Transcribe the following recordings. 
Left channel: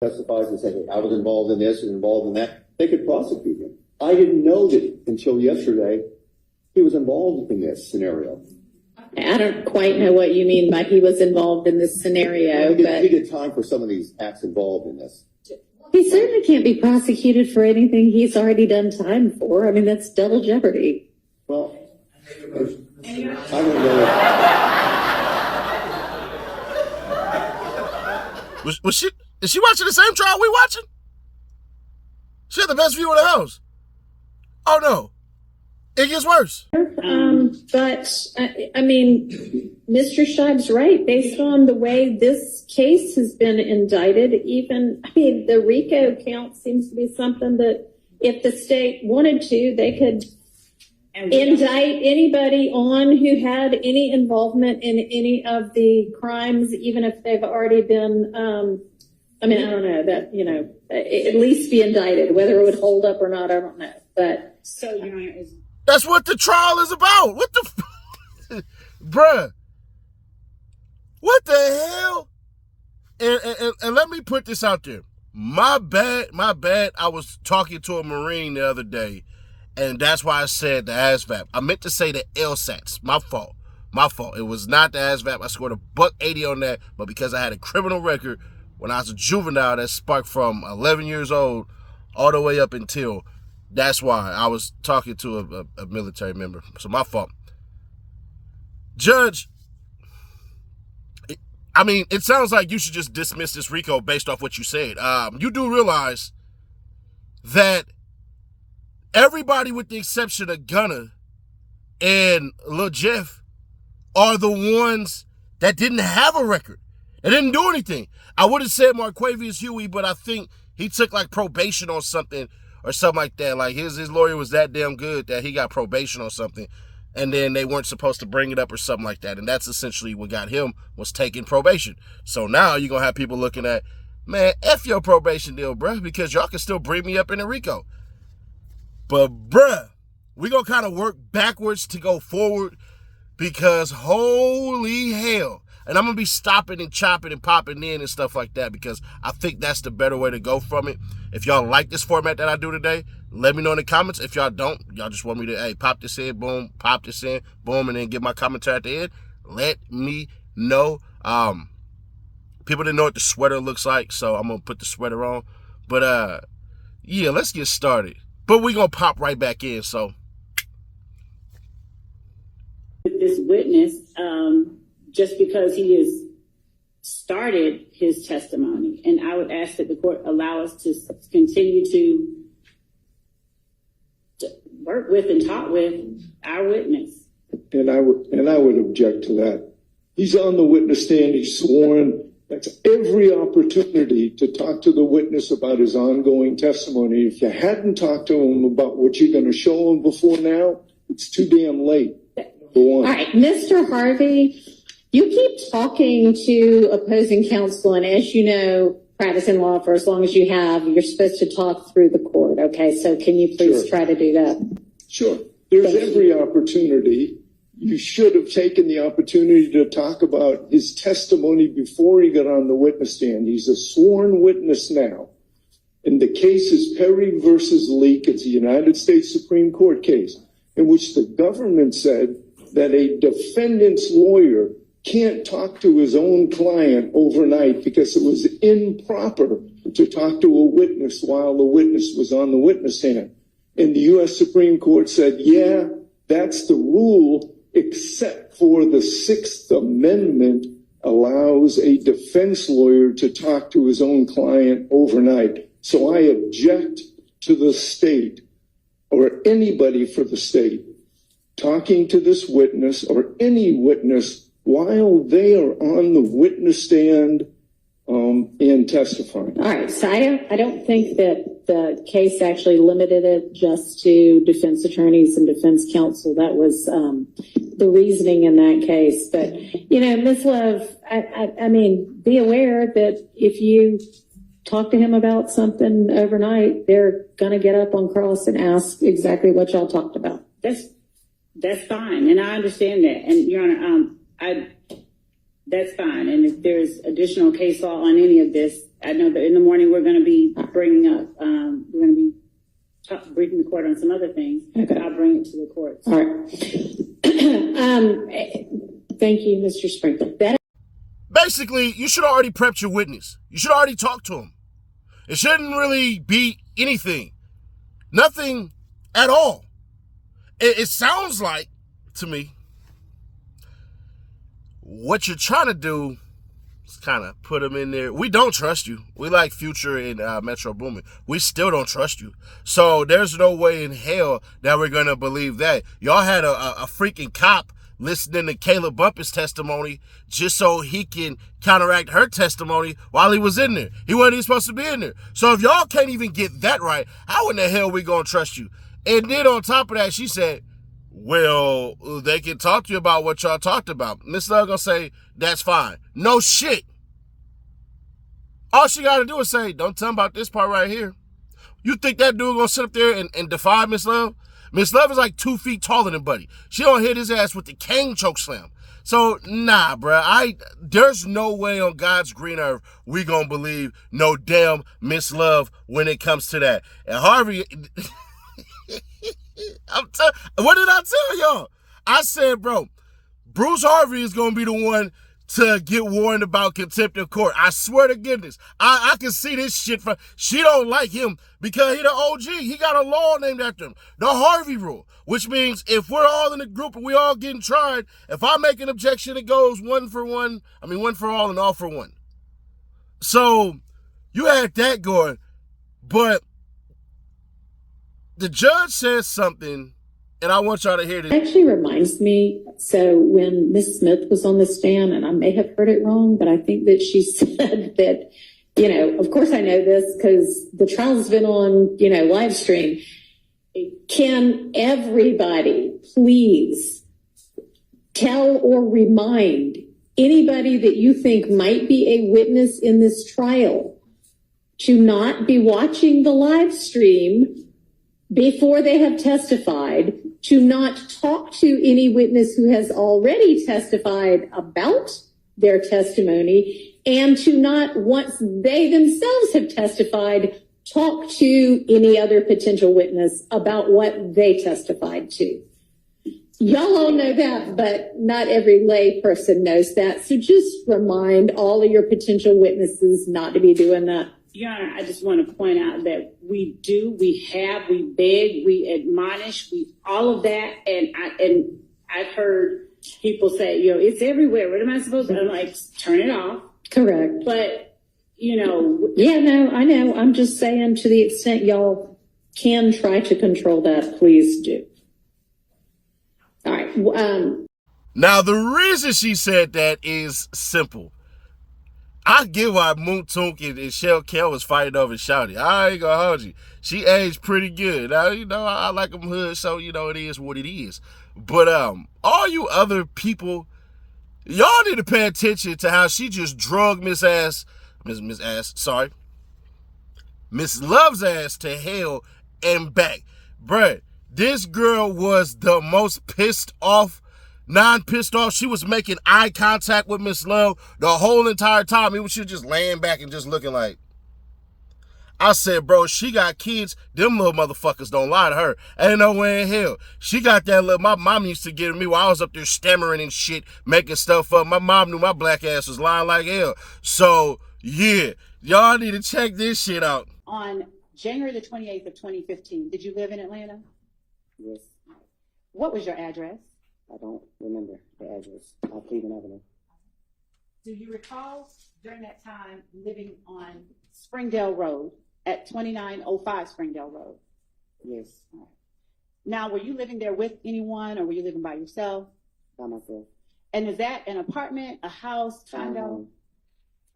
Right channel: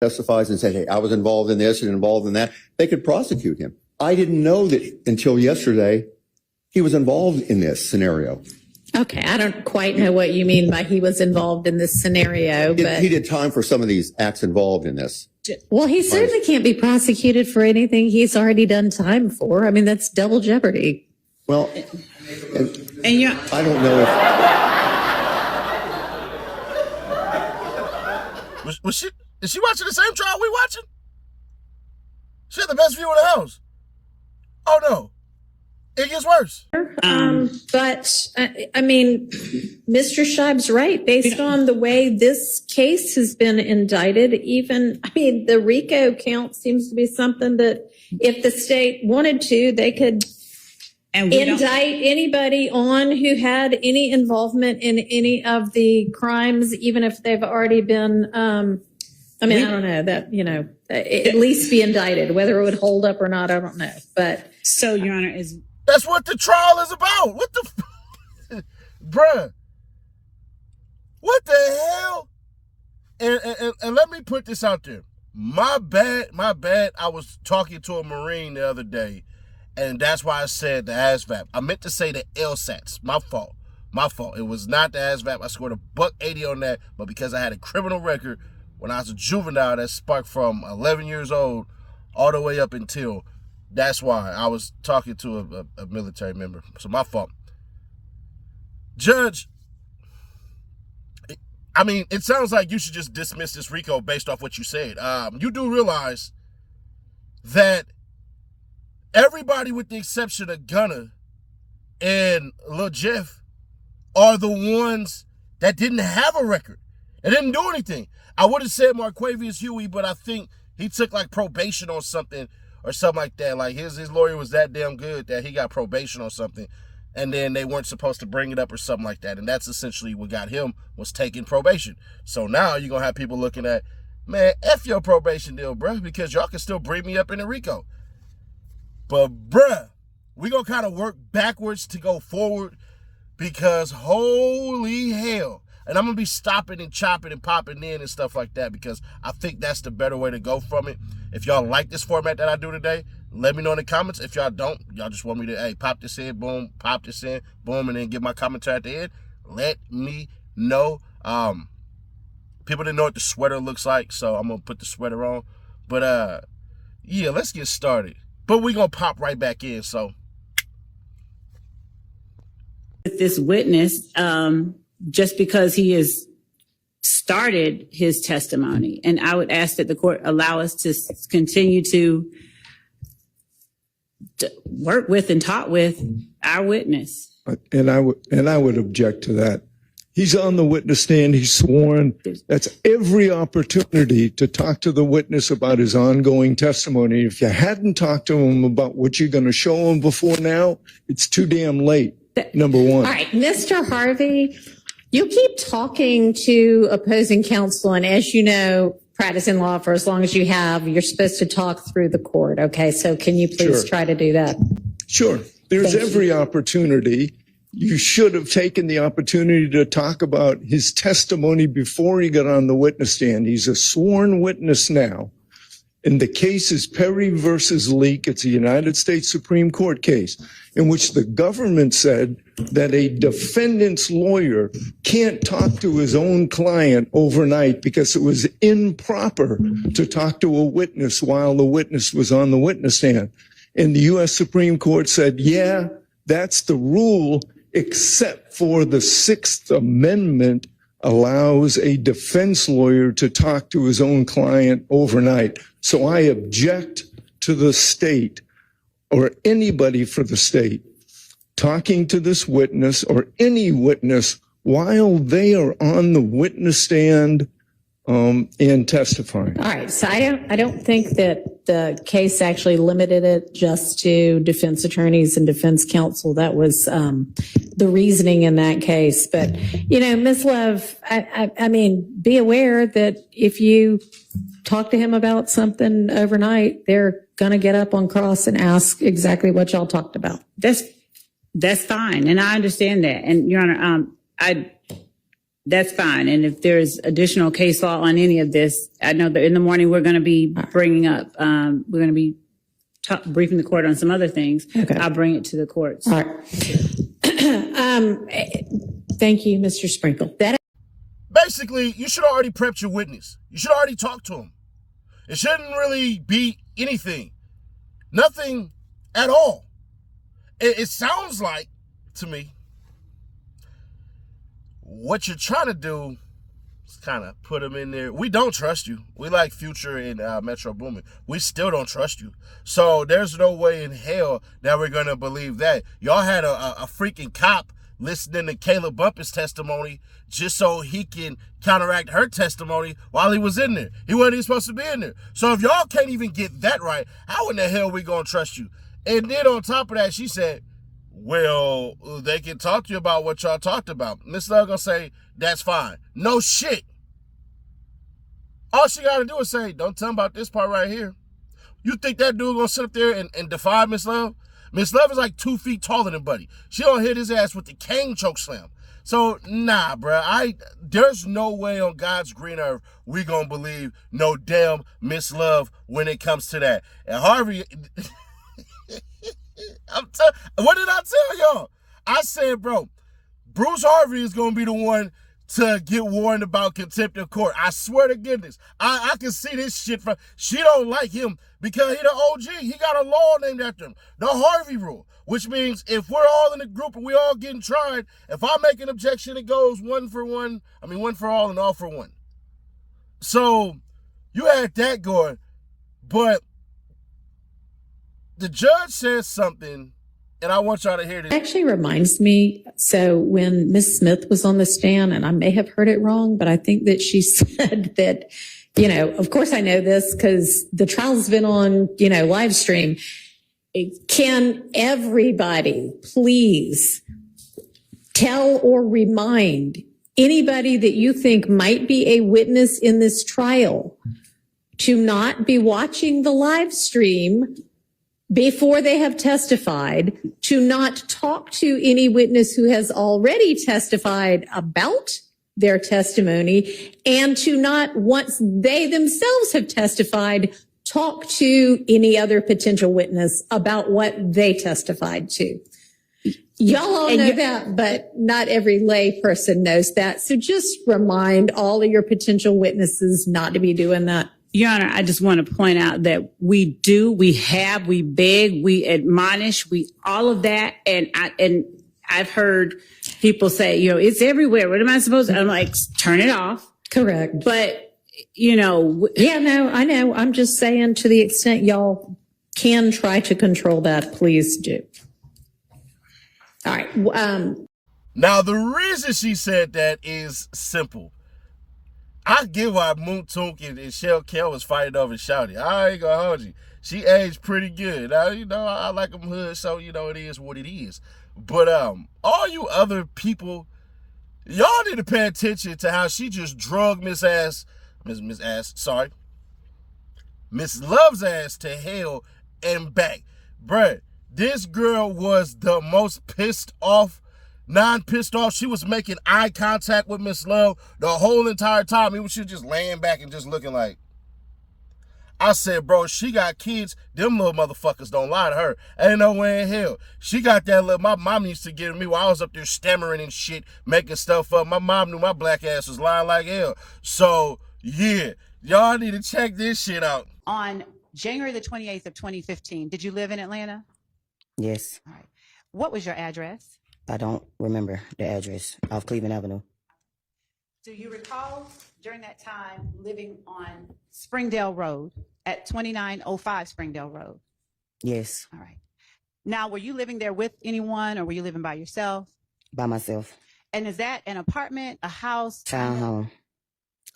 testifies and said, hey, I was involved in this and involved in that, they could prosecute him. I didn't know that until yesterday he was involved in this scenario. Okay, I don't quite know what you mean by he was involved in this scenario, but He did time for some of these acts involved in this. Well, he certainly can't be prosecuted for anything he's already done time for. I mean, that's double jeopardy. Well, and you, I don't know if... Is she watching the same trial we watching? She had the best view of the house. Oh no, it gets worse. But I mean, Mr. Scheib's right. Based on the way this case has been indicted, even, I mean, the RICO count seems to be something that if the state wanted to, they could indict anybody on who had any involvement in any of the crimes, even if they've already been, I mean, I don't know that, you know, at least be indicted. Whether it would hold up or not, I don't know. But so, Your Honor, that's what the trial is about. What the, bruh? What the hell? And let me put this out there. My bad. I was talking to a Marine the other day, and that's why I said the ASVAB. I meant to say the LSATs. My fault. It was not the ASVAB. I scored $180 on that, but because I had a criminal record when I was a juvenile that sparked from 11 years old all the way up until, that's why I was talking to a military member. So my fault. Judge, I mean, it sounds like you should just dismiss this RICO based off what you said. You do realize that everybody with the exception of Gunner and Lil Jeff are the ones that didn't have a record. They didn't do anything. I would have said Marquavius Huey, but I think he took like probation on something or something like that. Like his lawyer was that damn good that he got probation on something, and then they weren't supposed to bring it up or something like that. And that's essentially what got him, was taking probation. So now you're going to have people looking at, man, F your probation deal, bruh, because y'all can still bring me up in a RICO. But bruh, we're going to kind of work backwards to go forward, because holy hell. And I'm going to be stopping and chopping and popping in and stuff like that, because I think that's the better way to go from it. If y'all like this format that I do today, let me know in the comments. If y'all don't, y'all just want me to, hey, pop this in, boom, pop this in, boom, and then give my commentary at the end, let me know. People didn't know what the sweater looks like, so I'm going to put the sweater on. But, yeah, let's get started. But we're going to pop right back in, so. with this witness, just because he has started his testimony. And I would ask that the court allow us to continue to work with and talk with our witness. And I would object to that. He's on the witness stand. He's sworn. That's every opportunity to talk to the witness about his ongoing testimony. If you hadn't talked to him about what you're going to show him before now, it's too damn late, number one. All right, Mr. Harvey, you keep talking to opposing counsel, and as you know, practicing law for as long as you have, you're supposed to talk through the court, okay? So can you please try to do that? Sure. There's every opportunity. You should have taken the opportunity to talk about his testimony before he got on the witness stand. He's a sworn witness now. And the case is Perry versus Leak. It's a United States Supreme Court case in which the government said that a defendant's lawyer can't talk to his own client overnight because it was improper to talk to a witness while the witness was on the witness stand. And the U.S. Supreme Court said, yeah, that's the rule, except for the Sixth Amendment allows a defense lawyer to talk to his own client overnight. So I object to the state or anybody for the state talking to this witness or any witness while they are on the witness stand and testifying. All right, so I don't think that the case actually limited it just to defense attorneys and defense counsel. That was the reasoning in that case. But, you know, Ms. Love, I mean, be aware that if you talk to him about something overnight, they're going to get up on cross and ask exactly what y'all talked about. That's fine, and I understand that. And Your Honor, that's fine. And if there's additional case law on any of this, I know that in the morning we're going to be bringing up, we're going to be briefing the court on some other things. Okay. I'll bring it to the courts. All right. Thank you, Mr. Sprinkle. Basically, you should already prepped your witness. You should already talk to him. It shouldn't really be anything. Nothing at all. It sounds like, to me, what you're trying to do is kind of put him in there. We don't trust you. We like Future and Metro Boomin. We still don't trust you. So there's no way in hell that we're going to believe that. Y'all had a freaking cop listening to Caleb Bumpus' testimony just so he can counteract her testimony while he was in there. He wasn't even supposed to be in there. So if y'all can't even get that right, how in the hell we going to trust you? And then on top of that, she said, well, they can talk to you about what y'all talked about. Miss Love gonna say, that's fine. No shit. All she gotta do is say, don't tell them about this part right here. You think that dude gonna sit up there and defy Miss Love? Miss Love is like 2 feet taller than Buddy. She gonna hit his ass with the cane choke slam. So, nah, bruh. There's no way on God's green earth we gonna believe no damn Miss Love when it comes to that. And Harvey... what did I tell y'all? I said, bro, Bruce Harvey is going to be the one to get warned about contempt of court. I swear to goodness. I can see this shit from... She don't like him because he the OG. He got a law named after him. The Harvey rule. Which means if we're all in a group and we all getting tried, if I make an objection, it goes one for all and all for one. So, you had that going. But the judge says something, and I want y'all to hear this. It actually reminds me, so when Ms. Smith was on the stand, and I may have heard it wrong, but I think that she said that, of course I know this because the trial's been on, live stream. Can everybody please tell or remind anybody that you think might be a witness in this trial to not be watching the live stream before they have testified, to not talk to any witness who has already testified about their testimony, and to not, once they themselves have testified, talk to any other potential witness about what they testified to. Y'all all know that, but not every lay person knows that. So just remind all of your potential witnesses not to be doing that. Your Honor, I just want to point out that we beg, we admonish, all of that. And I've heard people say, it's everywhere. What am I supposed to? I'm like, turn it off. Correct. But, yeah, no, I know. I'm just saying, to the extent y'all can try to control that, please do. All right. Now, the reason she said that is simple. I get why Moon Toonk and Shell Kell was fighting over Shouty. I ain't gonna hold you. She aged pretty good. Now, I like them hood, so, it is what it is. But all you other people, y'all need to pay attention to how she just drug Miss Love's ass to hell and back. Bruh, this girl was the most pissed off. Non-pissed off. She was making eye contact with Miss Love the whole entire time. She was just laying back and just looking like. I said, bro, she got kids. Them little motherfuckers don't lie to her. Ain't no way in hell. She got that little... My mom used to get me while I was up there stammering and shit, making stuff up. My mom knew my black ass was lying like hell. So, yeah. Y'all need to check this shit out. On January the 28th of 2015, did you live in Atlanta? Yes. All right. What was your address? I don't remember the address off Cleveland Avenue. Do you recall during that time living on Springdale Road at 2905 Springdale Road? Yes. All right. Now, were you living there with anyone, or were you living by yourself? By myself. And is that an apartment, a house? Townhome.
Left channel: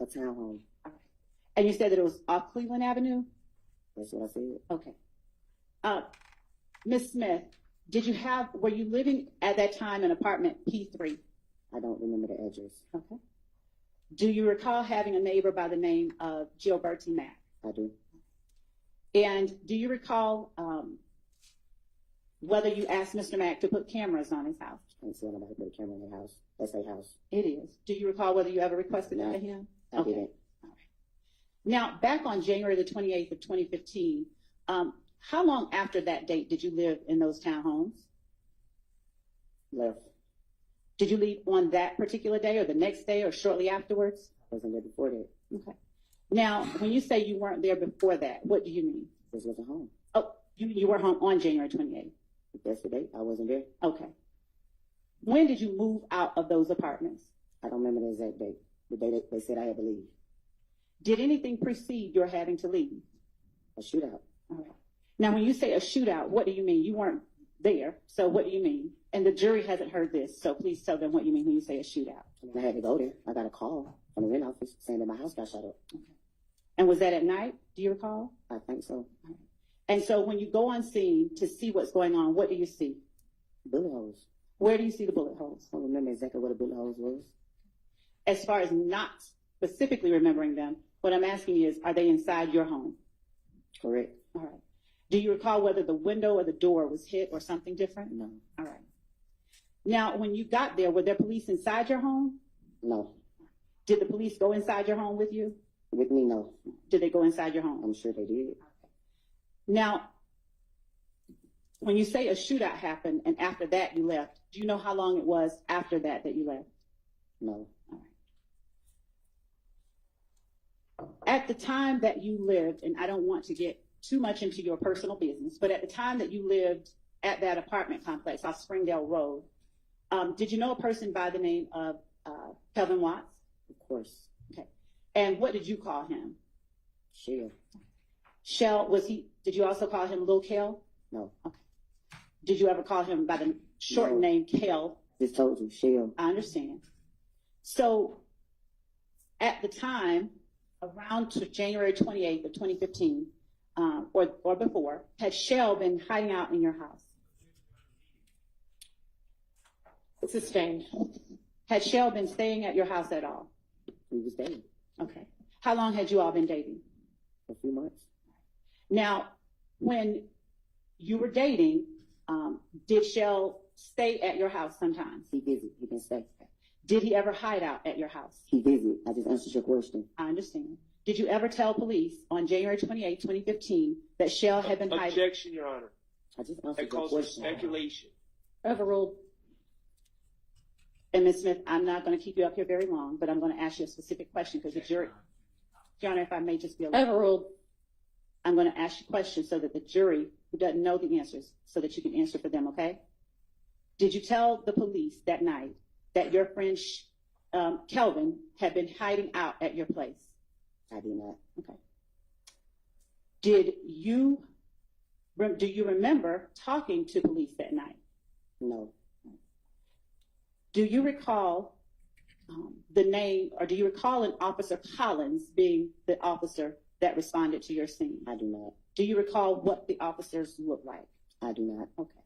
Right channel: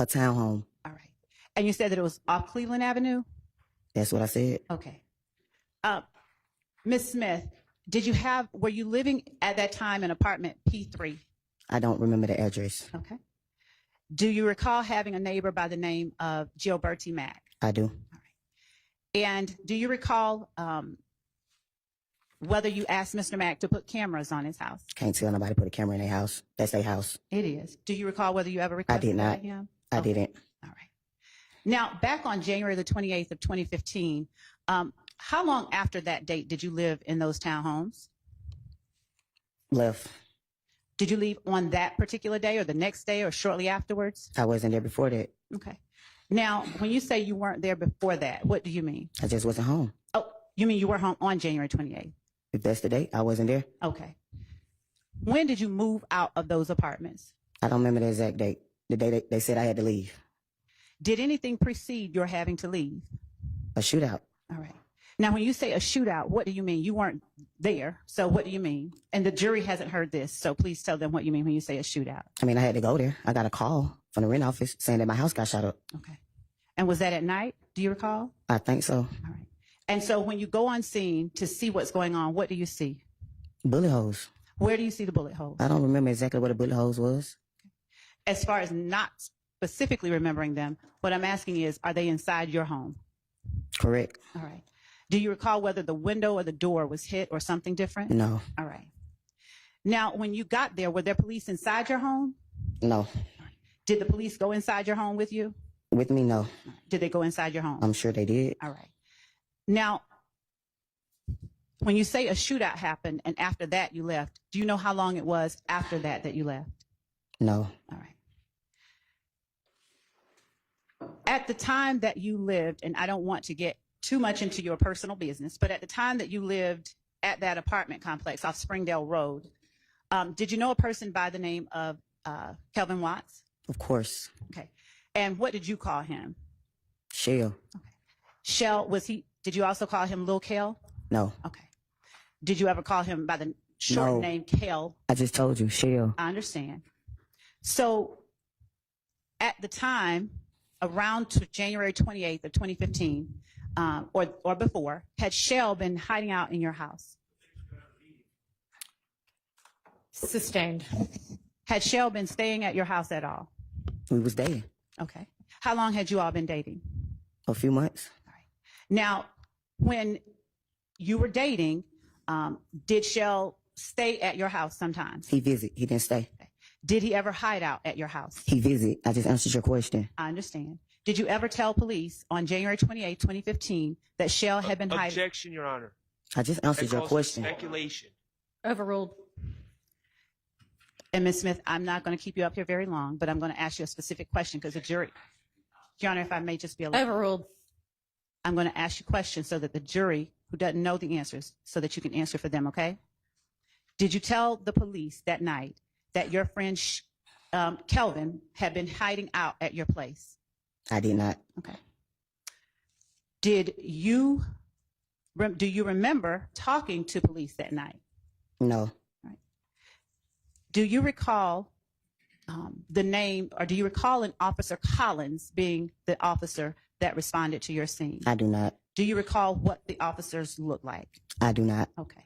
A townhome. All right. And you said that it was off Cleveland Avenue? That's what I said. Okay. Ms. Smith, were you living at that time in apartment P3? I don't remember the address. Okay. Do you recall having a neighbor by the name of Gilberti Mack? I do. All right. And do you recall whether you asked Mr. Mack to put cameras on his house? Can't tell nobody put a camera in their house. That's their house. It is. Do you recall whether you ever requested that of him? I didn't. All right. Now, back on January the 28th of 2015, how long after that date did you live in those townhomes? Left. Did you leave on that particular day or the next day or shortly afterwards? I wasn't there before that. Okay. Now, when you say you weren't there before that, what do you mean? I just wasn't home. Oh, you mean you were home on January 28th? If that's the date, I wasn't there. Okay. When did you move out of those apartments? I don't remember the exact date. The day they said I had to leave. Did anything precede your having to leave? A shootout. All right. Now, when you say a shootout, what do you mean? You weren't there, so what do you mean? And the jury hasn't heard this, so please tell them what you mean when you say a shootout. I mean, I had to go there. I got a call from the rent office saying that my house got shot up. Okay. And was that at night? Do you recall? I think so. All right. And so when you go on scene to see what's going on, what do you see? Bullet holes. Where do you see the bullet holes? I don't remember exactly what a bullet holes was. As far as not specifically remembering them, what I'm asking is, are they inside your home? Correct. All right. Do you recall whether the window or the door was hit or something different? No. All right. Now, when you got there, were there police inside your home? No. Did the police go inside your home with you? With me, no. Did they go inside your home? I'm sure they did. All right. Now, when you say a shootout happened and after that you left, do you know how long it was after that that you left? No. All right. At the time that you lived, and I don't want to get too much into your personal business, but at the time that you lived at that apartment complex off Springdale Road, did you know a person by the name of Kelvin Watts? Of course. Okay. And what did you call him? Shell. Okay. Shell, did you also call him Lil Kel? No. Okay. Did you ever call him by the short No. name Kel? I just told you, Shell. I understand. So at the time, around January 28th of 2015, or before, had Shell been hiding out in your house? Sustained. Had Shell been staying at your house at all? We was dating. Okay. How long had you all been dating? A few months. Now, when you were dating, did Shell stay at your house sometimes? He visit. He didn't stay. Did he ever hide out at your house? He visit. I just answered your question. I understand. Did you ever tell police on January 28, 2015, that Shell had been hiding? Objection, Your Honor. I just answered That your calls for question. speculation. Overruled. And Ms. Smith, I'm not going to keep you up here very long, but I'm going to ask you a specific question because the jury, Your Honor, if I may just be allowed. Overruled. I'm going to ask you questions so that the jury, who doesn't know the answers, so that you can answer for them, okay? Did you tell the police that night that your friend Kelvin had been hiding out at your place? I did not. Okay. Do you remember talking to police that night? No. Right. Do you recall the name, or do you recall an Officer Collins being the officer that responded to your scene? I do not. Do you recall what the officers looked like? I do not. Okay.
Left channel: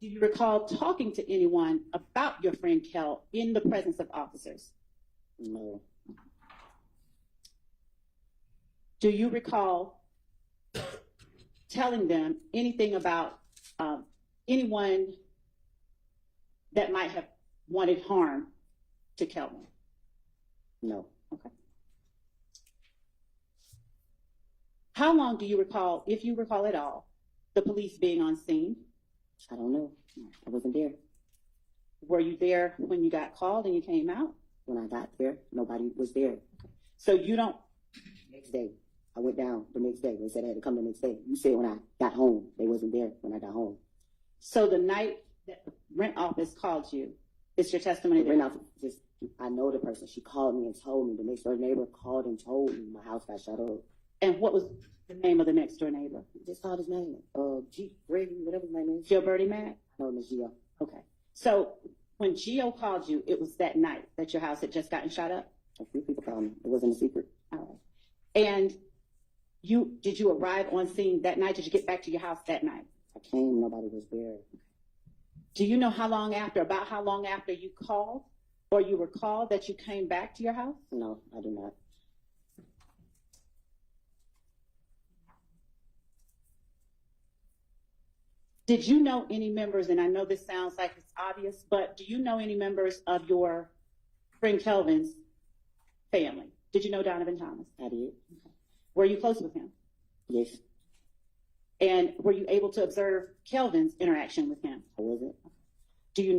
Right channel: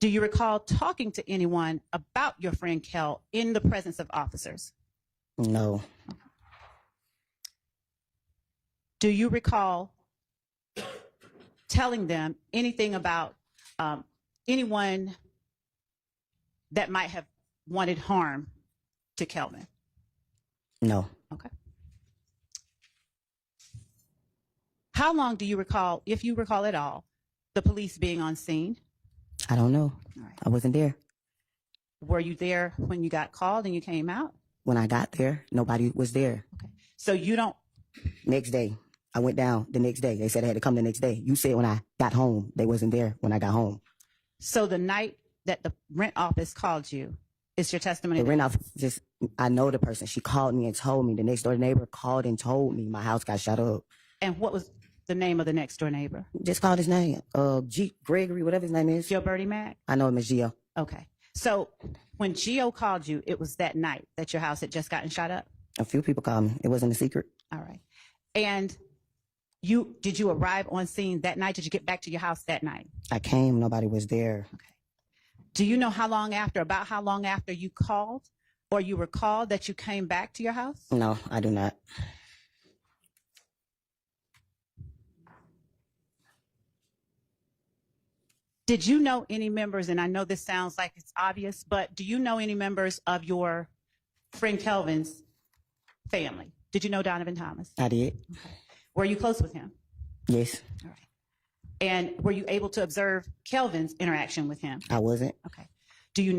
Do you recall talking to anyone about your friend Kel in the presence of officers? No. Do you recall telling them anything about anyone that might have wanted harm to Kelvin? No. Okay. How long do you recall, if you recall at all, the police being on scene? I don't know. All right. I wasn't there. Were you there when you got called and you came out? When I got there, nobody was there. Okay. So you don't, Next day, I went down the next day. They said I had to come the next day. You said when I got home, they wasn't there when I got home. so the night that the rent office called you, it's your testimony? The rent office just, I know the person. She called me and told me. The next door neighbor called and told me my house got shot up. And what was the name of the next door neighbor? Just called his name. Gregory, whatever his name is. Joe Birdie Mac? I know him as Gio. Okay. So when Gio called you, it was that night that your house had just gotten shot up? A few people called me. It wasn't a secret. All right. And did you arrive on scene that night? Did you get back to your house that night? I came, nobody was there. Okay. Do you know about how long after you called, or you recall that you came back to your house? No, I do not. Did you know any members, and I know this sounds like it's obvious, but do you know any members of your friend Kelvin's family? Did you know Donovan Thomas? I did. Were you close with him? Yes, All right. And were you able to observe Kelvin's interaction with him? I wasn't. Okay. Do you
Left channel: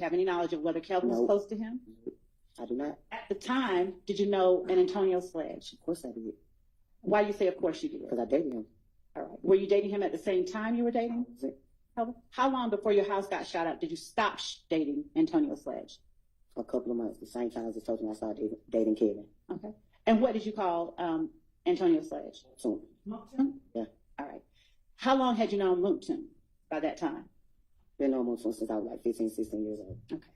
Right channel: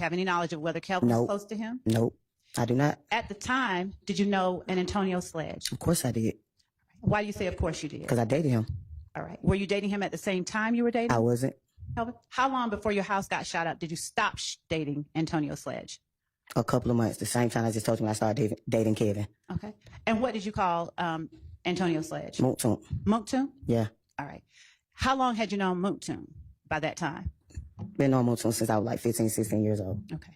have any knowledge of whether Kelvin was Nope. close to him? Nope, I do not. At the time, did you know an Antonio Sledge? Of course I did, Why do you say of course you did? because I dated him. All right. Were you dating him at the same time you were dating I wasn't. Kelvin? How long before your house got shot up did you stop dating Antonio Sledge? A couple of months, the same time I just told you when I started dating Kevin. Okay. And what did you call Antonio Sledge? Monktoon. Monktoon? Yeah, All right. How long had you known Monktoon by that time? been on Monktoon since I was like 15, 16 years old. Okay.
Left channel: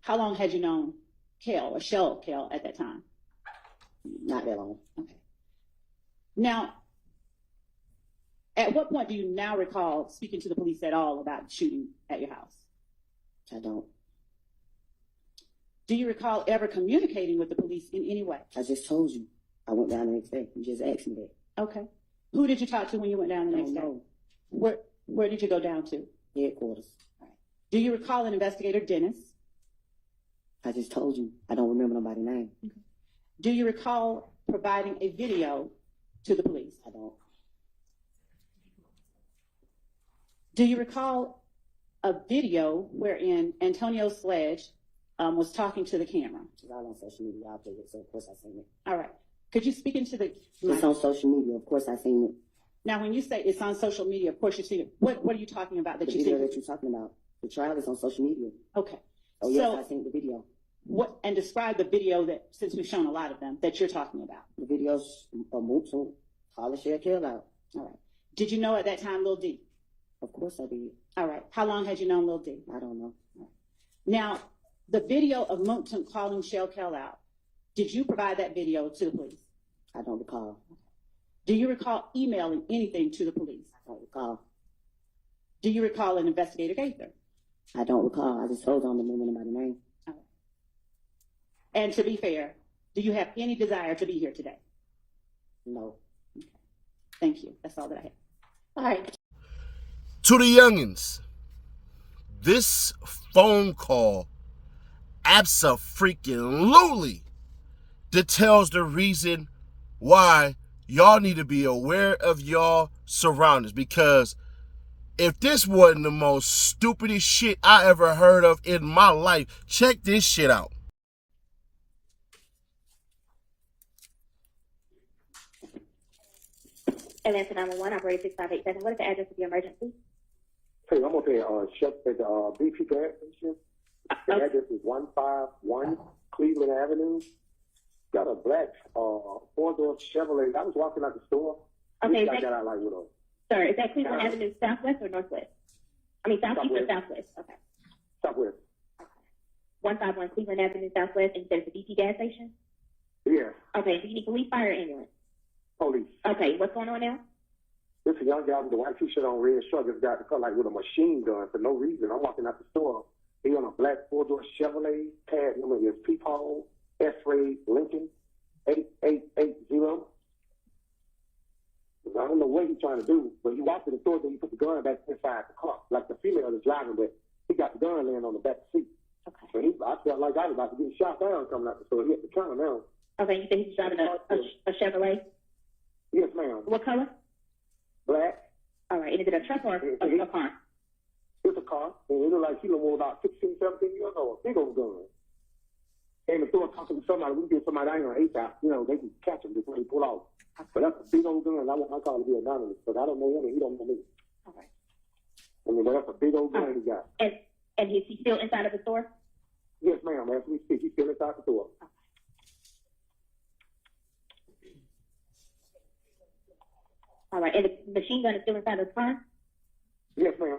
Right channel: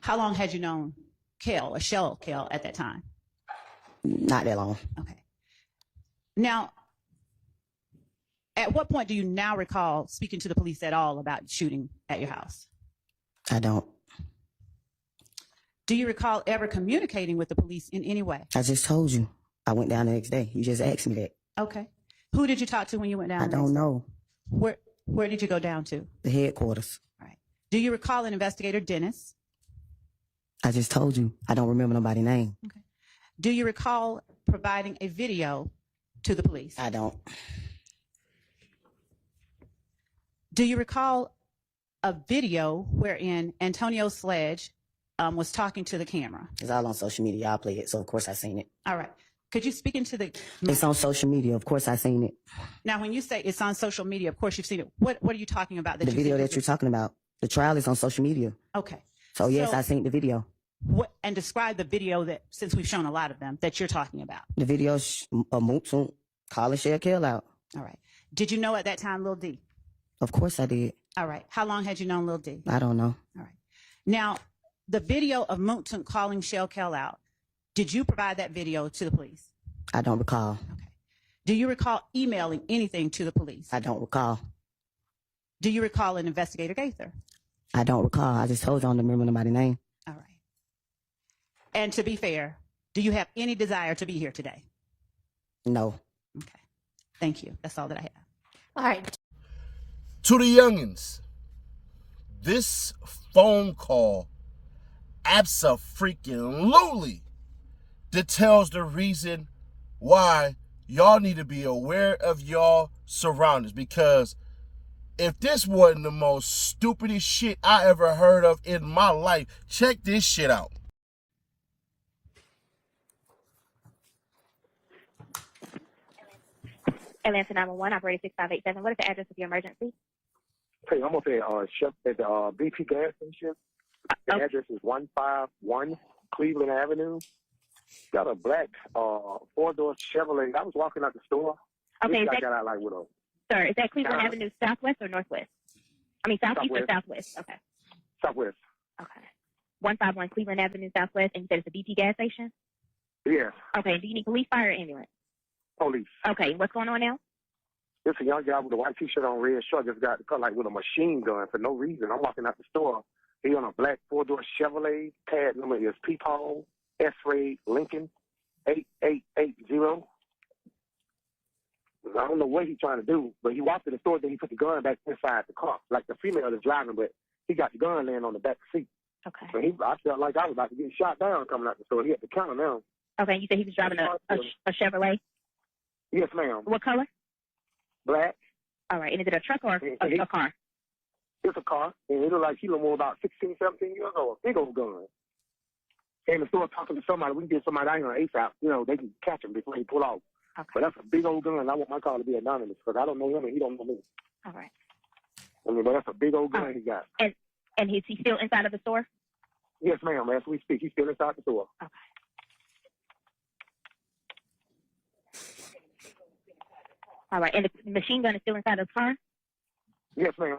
How long had you known Kel or Shell Kel at that time? Not that long. Okay. Now, at what point do you now recall speaking to the police at all about shooting at your house? I don't. Do you recall ever communicating with the police in any way? I just told you. I went down the next day. You just asked me that. Okay. Who did you talk to when you went down? I the next don't day? know. Where did you go down to? The headquarters. All right. Do you recall an investigator, Dennis? I just told you. I don't remember nobody's name. Okay. Do you recall providing a video to the police? I don't. Do you recall a video wherein Antonio Sledge was talking to the camera? It's all on social media. I play it, so of course I seen it. All right. Could you speak into the... It's on social media. Of course I seen it. Now, when you say it's on social media, of course you've seen it. What are you talking about that The you video think? that you're talking about. The trial is on social media. Okay. So yes, So- I seen the video. What, and describe the video that, since we've shown a lot of them, that you're talking about. The video's a Mooksoon calling Shell Kill out. All right. Did you know at that time Lil D? Of course I did. All right. How long had you known Lil D? I don't know. All right. Now, the video of Mooksoon calling Shell Kel out, did you provide that video to the police? I don't recall. Okay. Do you recall emailing anything to the police? I don't recall. Do you recall an investigator Gaither? I don't recall. I just told you I don't remember nobody's name. All right. And to be fair, do you have any desire to be here today? No. Okay. Thank you. That's all that I have. All right. To the youngins, this phone call abso-freaking-lutely details the reason why y'all need to be aware of y'all surroundings, because if this wasn't the most stupidest shit I ever heard of in my life, check this shit out. Atlanta 911, operator 6587. What is the address of your emergency? Hey, I'm up at Chef at the BP gas station. The address is 151 Cleveland Avenue. Got a black four-door Chevrolet. I was walking out the store. Okay, I got out like with a sir, is that Cleveland Avenue southwest or northwest? I mean, southeast or southwest? Okay. Southwest. Okay. 151 Cleveland Avenue southwest, and you said it's a BP gas station? Yes, Okay, do you need police, fire, or ambulance? police. Okay, what's going on now? There's a young guy with a white T-shirt on, red shirt. Just got caught like with a machine gun for no reason. I'm walking out the store. He on a black four-door Chevrolet. Tag number is Peephole S-Ray Lincoln 8880. I don't know what he's trying to do, but he walked to the store, then he put the gun back inside the car. Like the female is driving, but he got the gun laying on the back seat. Okay. So I felt like I was about to get shot down coming out the store. He hit the counter now. Okay, you said he was driving a Chevrolet? Yes, ma'am. What color? Black. All right, and is it a truck or a car? It's a car, and it looked like he was about 16, 17 years old. Big old gun. Came in the store talking to somebody. We can get somebody out here on ASAP. You know, they can catch him before he pull out. Okay. But that's a big old gun. I want my car to be anonymous because I don't know him and he don't know me. All right. I mean, that's a big old gun he got. And is he still inside of the store? Yes, ma'am. As we speak, he's still inside the store. Okay. All right, and the machine gun is still inside of the car? Yes, ma'am.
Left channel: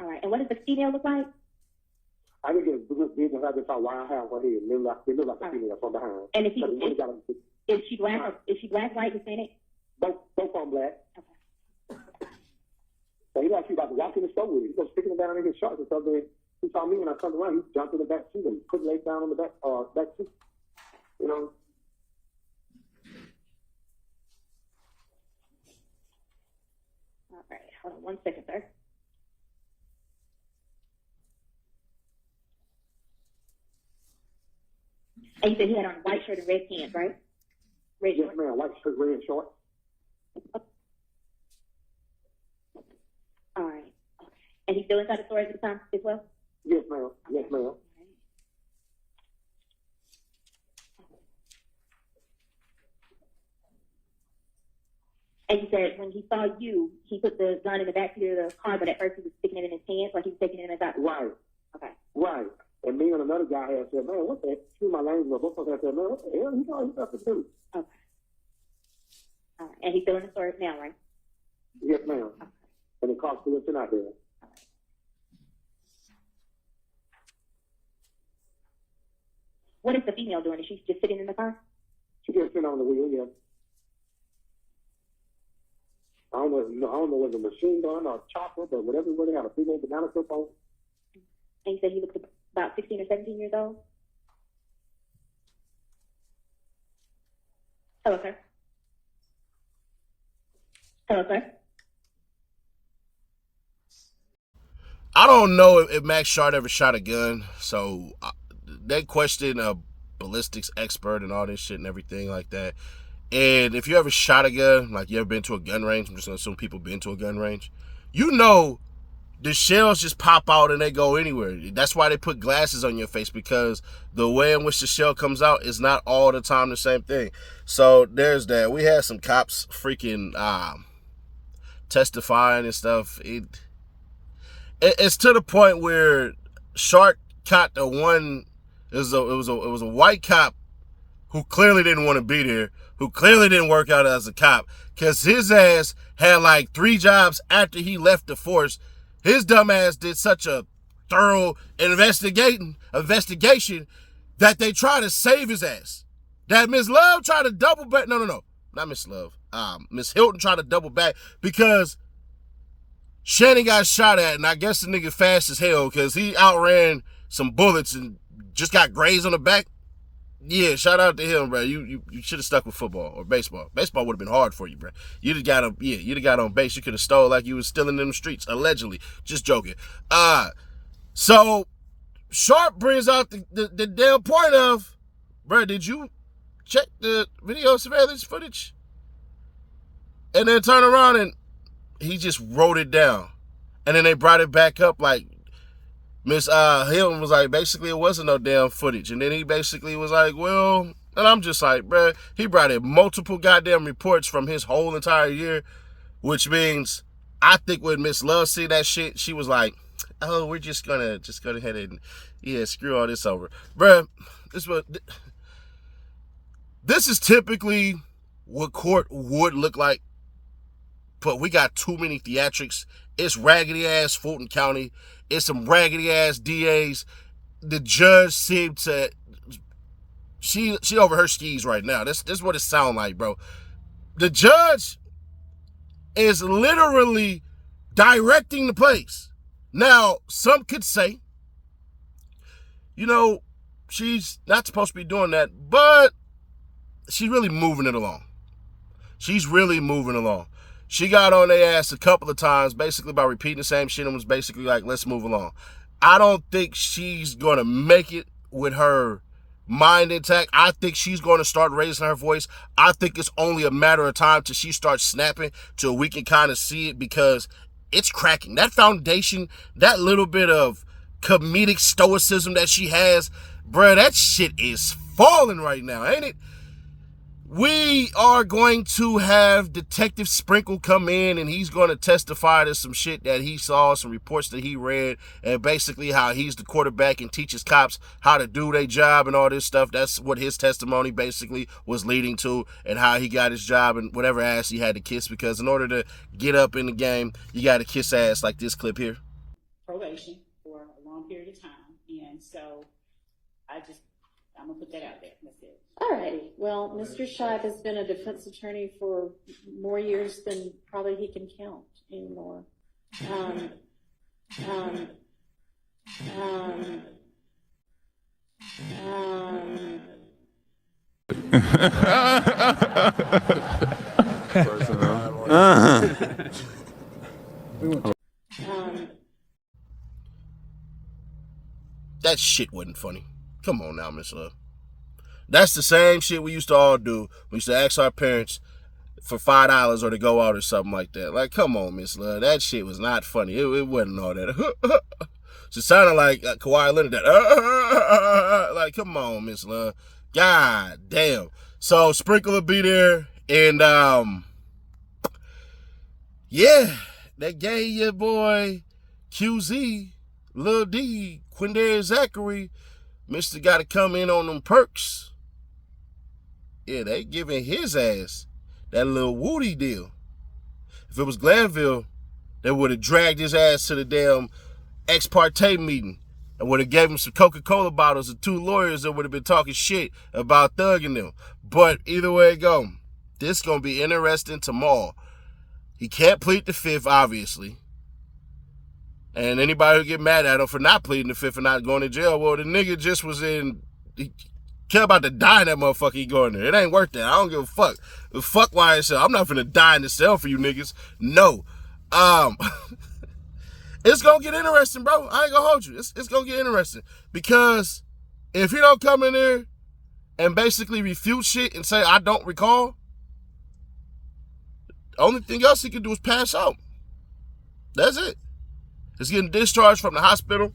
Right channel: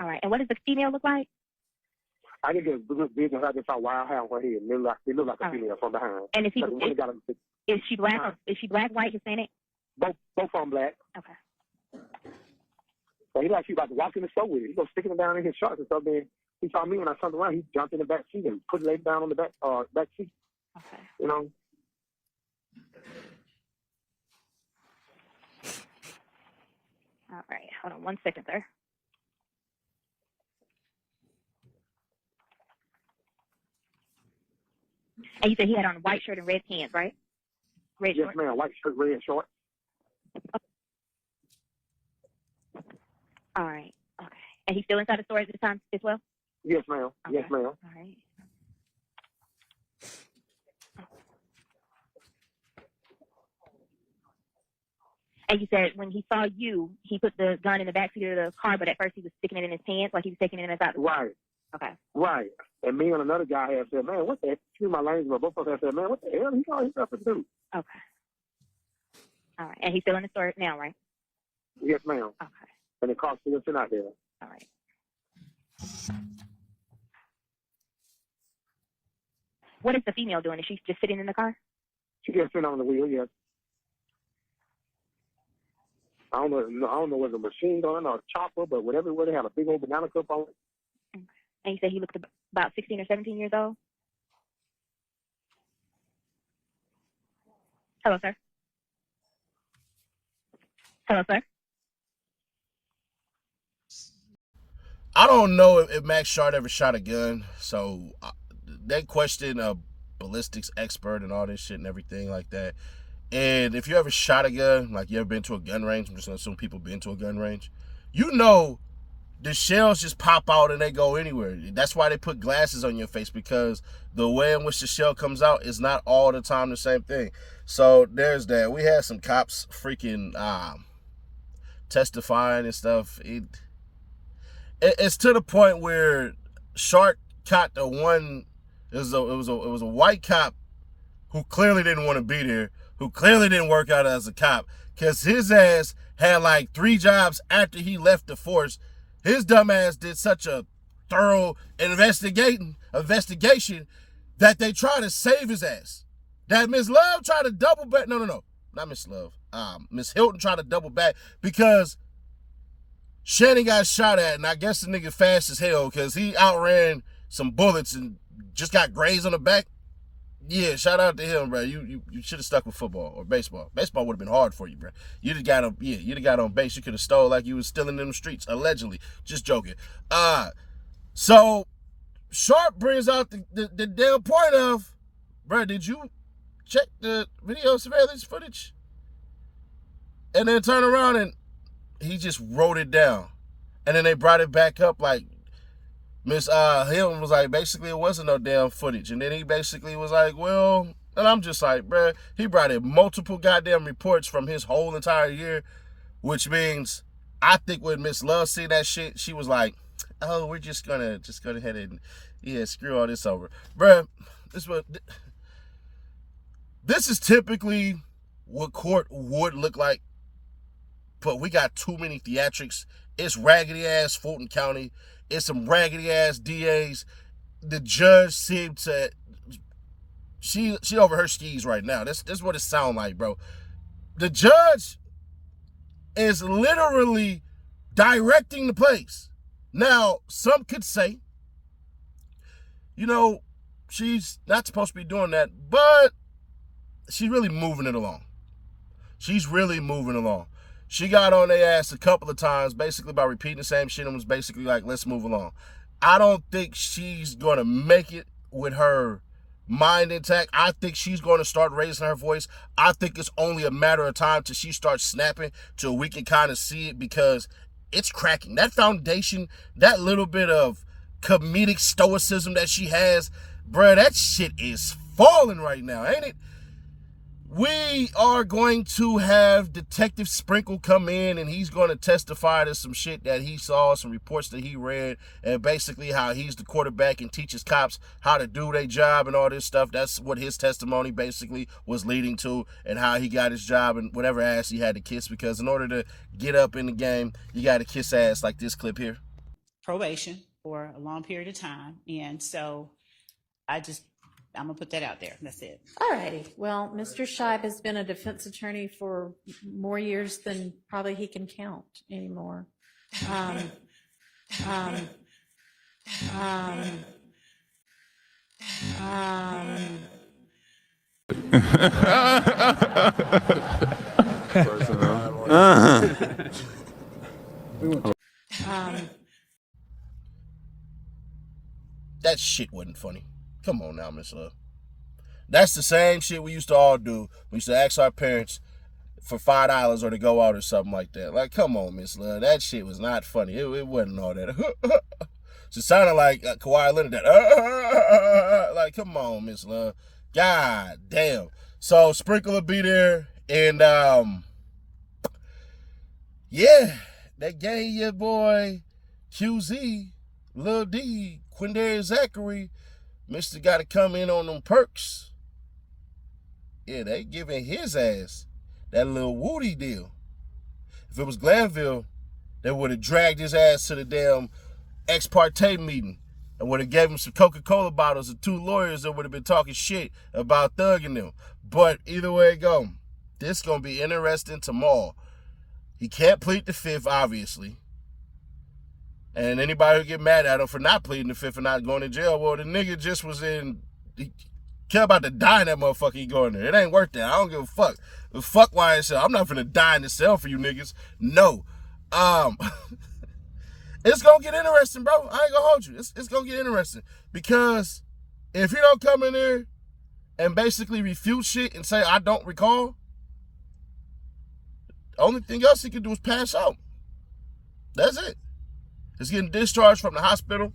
All right, and what does the female look like? I think it's big and like a wild hair on her head. It look like a female from behind. And is she black Uh-huh. or is she black, white, Hispanic? both of them black. Okay. So he like he about to walk in the store with it. He goes sticking it down in his shorts and stuff. Then He saw me when I turned around. He jumped in the back seat and put legs down on the back seat. Okay. You know. All right. Hold on 1 second, sir. And you said he had on a white shirt and red pants, right? Red Yes, shorts. ma'am. White shirt, red shorts. All right. Okay. And he's still inside the store at the time as well? Yes, ma'am. Okay. Yes, ma'am. All right. And you said when he saw you, he put the gun in the backseat of the car, but at first he was sticking it in his pants, like he was taking it inside the car. Right. Okay. Right. And me and another guy had said, man, what the heck? Excuse my language, but both of us had said, man, what the hell? He got himself to do. Okay. All right. And he's still in the store now, right? Yes, ma'am. Okay. And the car's still sitting out there. All right. What is the female doing? Is she just sitting in the car? She just sitting on the wheel, yes. I don't know whether it's a machine gun or a chopper, but whatever, they have a big old banana clip on it. Okay. And you said he looked about 16 or 17 years old? Hello, sir. Hello, sir. I don't know if Max Shard ever shot a gun, so they question a ballistics expert and all this shit and everything like that. And if you ever shot a gun, like you ever been to a gun range, I'm just gonna assume people been to a gun range, you know the shells just pop out and they go anywhere. That's why they put glasses on your face, because the way in which the shell comes out is not all the time the same thing. So there's that. We had some cops freaking testifying and stuff. It's to the point where Shark caught the one. It was a white cop who clearly didn't want to be there, who clearly didn't work out as a cop, because his ass had like 3 jobs after he left the force. His dumb ass did such a thorough investigation that they tried to save his ass. That Miss Love tried to double back. No, not Miss Love. Miss Hilton tried to double back because Shannon got shot at, and I guess the nigga fast as hell because he outran some bullets and just got grazed on the back. Yeah, shout out to him, bro. You should have stuck with football or baseball. Baseball would have been hard for you, bro. You'd have got on base. You could have stole like you was stealing in the streets, allegedly. Just joking. So Sharp brings out the damn point of, bro, did you check the video surveillance footage? And then turn around and he just wrote it down. And then they brought it back up like, Miss Hilton was like, basically, it wasn't no damn footage. And then he basically was like, well, and I'm just like, bruh, he brought in multiple goddamn reports from his whole entire year, which means I think when Miss Love see that shit, she was like, oh, we're just gonna go ahead and, yeah, screw all this over. Bruh, this is typically what court would look like, but we got too many theatrics. It's raggedy-ass Fulton County. It's some raggedy-ass DAs. The judge seemed to... She over her skis right now. This is what it sounds like, bro. The judge is literally directing the place. Now, some could say, you know, she's not supposed to be doing that, but she's really moving it along. She's really moving along. She got on their ass a couple of times, basically by repeating the same shit, and was basically like, let's move along. I don't think she's going to make it with her mind intact. I think she's going to start raising her voice. I think it's only a matter of time till she starts snapping, till we can kind of see it, because it's cracking. That foundation, that little bit of comedic stoicism that she has, bruh, that shit is falling right now, ain't it? We are going to have Detective Sprinkle come in, and he's going to testify to some shit that he saw, some reports that he read, and basically how he's the quarterback and teaches cops how to do their job and all this stuff. That's what his testimony basically was leading to, and how he got his job and whatever ass he had to kiss, because in order to get up in the game, you got to kiss ass like this clip here. Probation for a long period of time. And so I'm going to put that out there. That's it. All righty. Well, Mr. Shibe has been a defense attorney for more years than probably he can count anymore. That shit wasn't funny. Come on now, Miss Love. That's the same shit we used to all do. We used to ask our parents for $5 or to go out or something like that. Like, come on, Miss Love. That shit was not funny. It wasn't all that. It sounded like Kawhi Leonard. That, like, come on, Miss Love. God damn. So Sprinkle will be there, and yeah, that gay your boy QZ, Lil D, Quindarius Zachary, Mr. got to come in on them perks. Yeah, they giving his ass that little Woody deal. If it was Glanville, they would have dragged his ass to the damn ex parte meeting and would have gave him some Coca-Cola bottles and 2 lawyers that would have been talking shit about thugging them. But either way it go, this going to be interesting tomorrow. He can't plead the 5th, obviously. And anybody who get mad at him for not pleading the 5th and not going to jail, well, the nigga just was in... He care about to die in that motherfucker he going there. It ain't worth that. I don't give a fuck. Fuck YSL. I'm not finna die in the cell for you niggas. No. It's gonna get interesting, bro. I ain't gonna hold you. It's gonna get interesting. Because if he don't come in there and basically refute shit and say, I don't recall, the only thing else he can do is pass out. That's it. He's getting discharged from the hospital.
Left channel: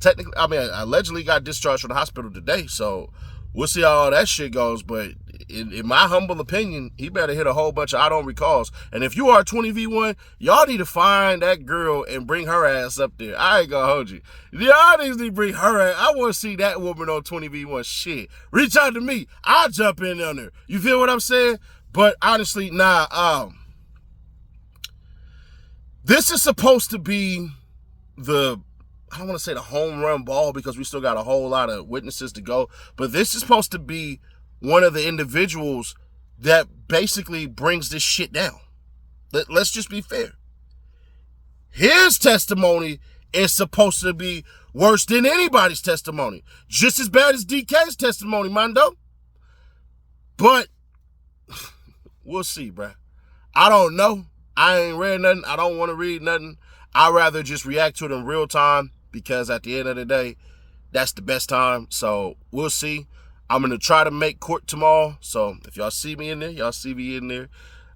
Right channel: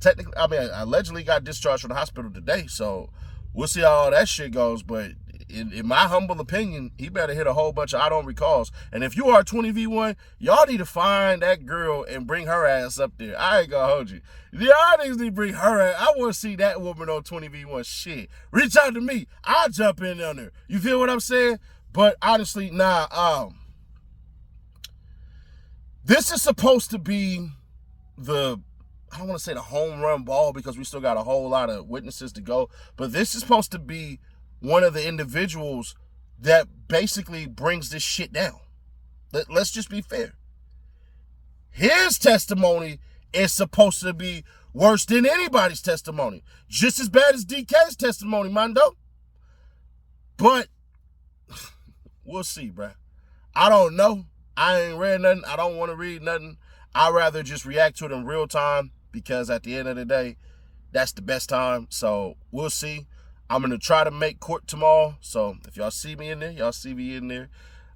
Technically, I mean, allegedly got discharged from the hospital today, so we'll see how all that shit goes. But in my humble opinion, he better hit a whole bunch of I don't recalls. And if you are 20v1, y'all need to find that girl and bring her ass up there. I ain't gonna hold you. Y'all need to bring her ass. I want to see that woman on 20v1 shit. Reach out to me. I'll jump in on there. You feel what I'm saying? But honestly, nah, this is supposed to be I don't want to say the home run ball because we still got a whole lot of witnesses to go, but this is supposed to be one of the individuals that basically brings this shit down. Let's just be fair. His testimony is supposed to be worse than anybody's testimony. Just as bad as DK's testimony, Mondo. But we'll see, bruh. I don't know. I ain't read nothing. I don't want to read nothing. I'd rather just react to it in real time because at the end of the day, that's the best time. So we'll see. I'm going to try to make court tomorrow. So if y'all see me in there, y'all see me in there.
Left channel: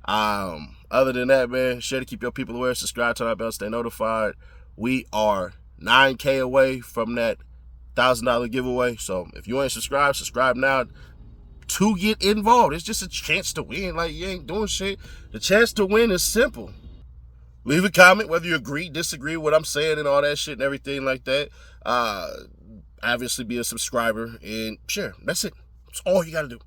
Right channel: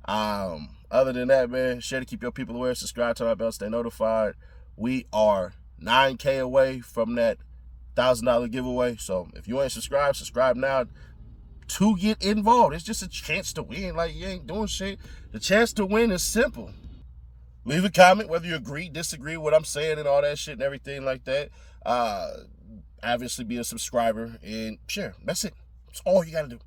Other than that, man, share to keep your people aware. Subscribe to our bell, stay notified. We are 9K away from that $1,000 giveaway. So if you ain't subscribed, subscribe now to get involved. It's just a chance to win. Like, you ain't doing shit. The chance to win is simple. Leave a comment whether you agree, disagree with what I'm saying and all that shit and everything like that. Obviously be a subscriber and share. That's it. That's all you got to do.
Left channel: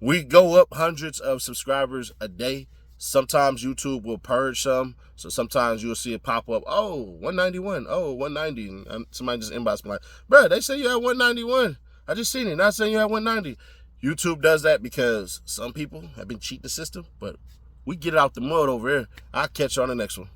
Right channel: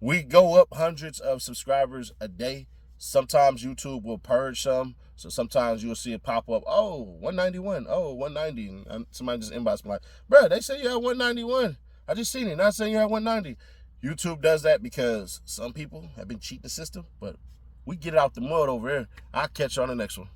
We go up hundreds of subscribers a day. Sometimes YouTube will purge some. So sometimes you'll see it pop up. Oh, 191. Oh, 190. And somebody just inbox me like, bro, they say you had 191. I just seen it. Not saying you had 190. YouTube does that because some people have been cheating the system, but we get it out the mud over here. I'll catch you on the next one.